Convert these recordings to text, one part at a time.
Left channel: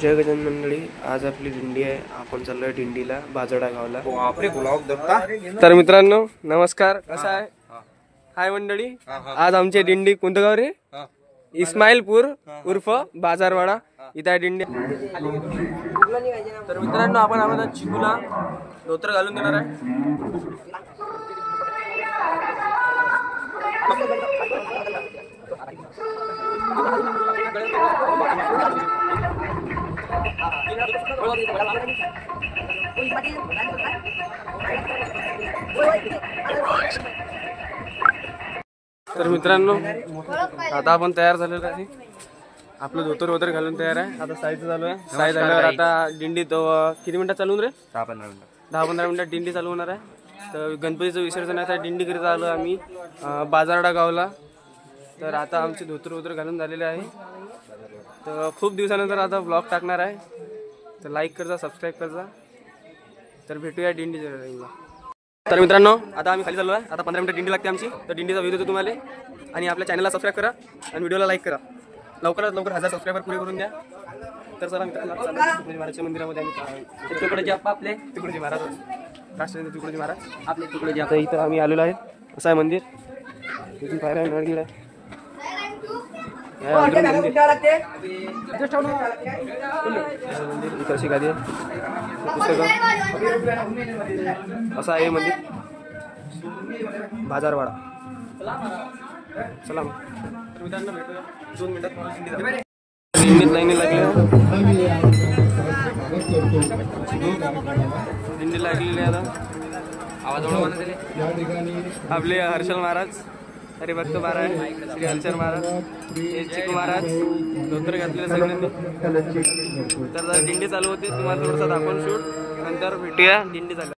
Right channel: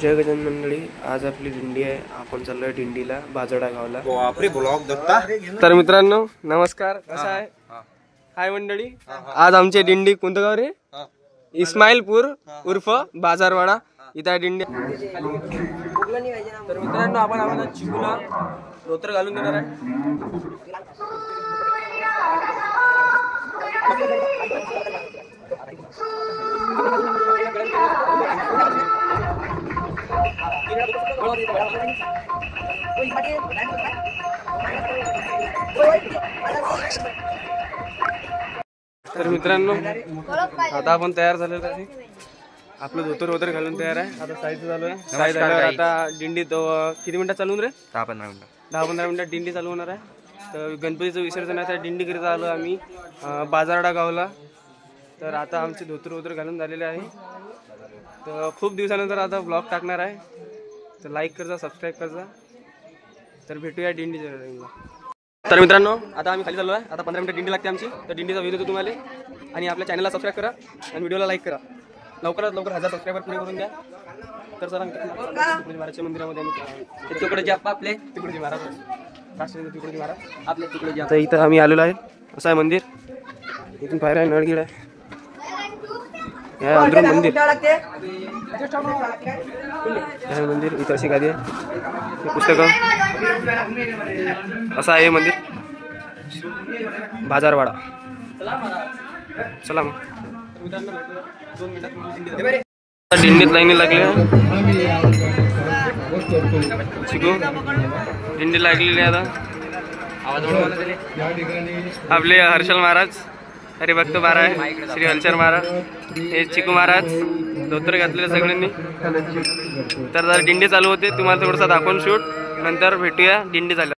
जय गजानन मंडळी, आज आपली दिंडी आहे. आपण चाललोय दिंडीला बाजोडा गावला. तर मित्रांनो नमस्कार, कसा आहे? हाय मंडळी, आज आमची दिंडी कोणतं गाव रे? इस्माईलपूर उर्फ बाजारवाडा, इथं आहे दिंडी. तर मित्रांनो आपण चिकूला धोतर घालून देणार आहे. तर मित्रांनो आता आपण तयार झालेलो आहे. आपलं धोतर वगैरे घालून तयार आहे. आता साईज चालू आहे. साईज झाल्यावर आता दिंडी किती मिनिटात चालवून रे? 10-15 मिनिटात दिंडी चालू होणार आहे. तर गणपतीचं विसर्जन आहे, दिंडीकडे आलो आम्ही बाजारडा गावला. तर आता आमचे धोतर वगैरे घालून झालेले आहे. तर खूप दिवसानंतर आता ब्लॉग टाकणार आहे. तर लाईक करजा, सबस्क्राईब करजा. तर भेटूया दिंडीच्या टाईमला. तर मित्रांनो आता आम्ही खाली चाललो आहे. आता 15 मिनिटं दिंडी लागते आमची. तर दिंडीचा व्हिडिओ देतो तुम्हाला. आणि आपल्या चॅनलला सबस्क्राईब करा आणि व्हिडिओला लाईक करा. लवकरात लवकर 1000 सबस्क्रायबर पुरे करून द्या. तर चला मित्रांनो तुकडोजी महाराजच्या मंदिरामध्ये आम्ही तुकडोजी आपले तुकडोजी महाराज राष्ट्रपती तुकडोजी महाराज आपले तुकडोजी. आता इथं आम्ही आलेलो आहे. असं आहे मंदिर. इथून पायऱ्या आहे, नळगिड आहे. मंदिर मंदिर इथं अशी गादी आहे. पुस्तकं असं आहे मंदिर. बाजारवाडा. चला मग मित्रांनो भेटूया 2 मिनिटात. दिंडीत लाईनी लागल्या. चिकू दिंडी लागलेली आता. आपले हर्षल महाराज, हरिभक्त महाराज, श्री हलचर महाराज, हे चिकू महाराज धोतर घातलेले सगळ्यांनी. तर दिंडी चालू होते, तुम्हाला थोडासा दाखवून शूट. नंतर भेटूया दिंडी झाल्या.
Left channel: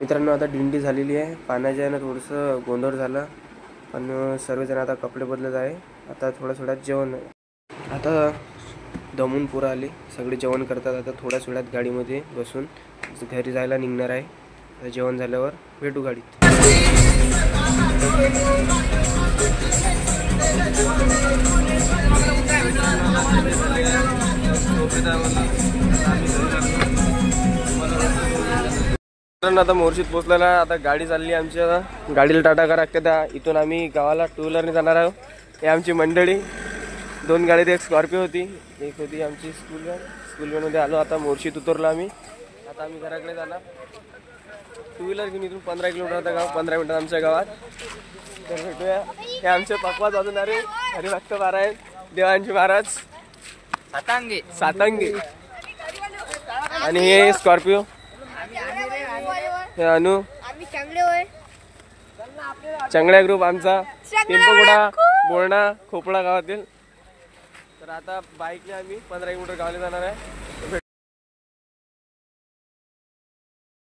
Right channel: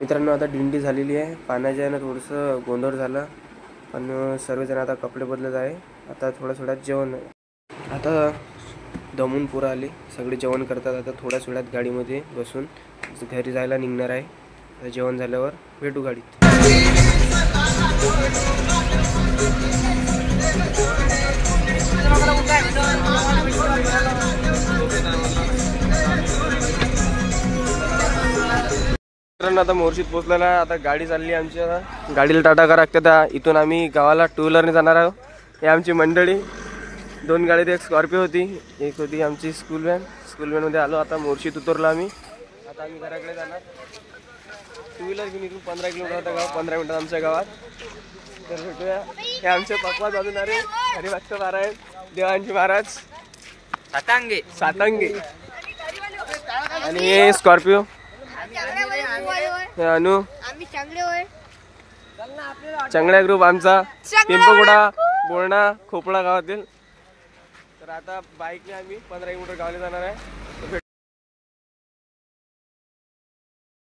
मित्रांनो आता दिंडी झालेली आहे. पाण्याच्या यानं थोडंसं गोंधळ झालं, पण सर्वजण आता कपडे बदलत आहे. आता थोड्या जेवण, आता दमून पुरा आले, सगळे जेवण करतात. आता थोड्याच वेळात गाडीमध्ये बसून घरी जायला निघणार आहे. आता जेवण झाल्यावर भेटू गाडीत. आता मोर्शीत पोहोचलेला आहे. आता गाडी चालली आमच्या, गाडीला टाटा करा लागते. इथून आम्ही गावाला 2 व्हीलरने जाणार आहोत. हे आमची मंडळी, 2 गाडीत, एक स्कॉर्पिओ होती, एक होती आमची स्कूल व्हॅनमध्ये आलो. आता मोर्शीत उतरलो आम्ही. आता आम्ही घराकडे जाणार. 2 व्हीलर घेऊन इथून 15 किलोमीटर होता गाव, 15 मिनिटात आमच्या गावात. तर भेटूया. हे आमचे पक्वाज वाजवणारे हरिभक्त महाराज, देवांजी महाराज, सातंगे आणि हे स्कॉर्पिओ, हे अनु, चांगल्या ग्रुप आमचा, पिंपळगुडा, बोळणा, खोपळा गावातील. तर आता बाईकने आम्ही 15 किलोमीटर गावाला जाणार आहे.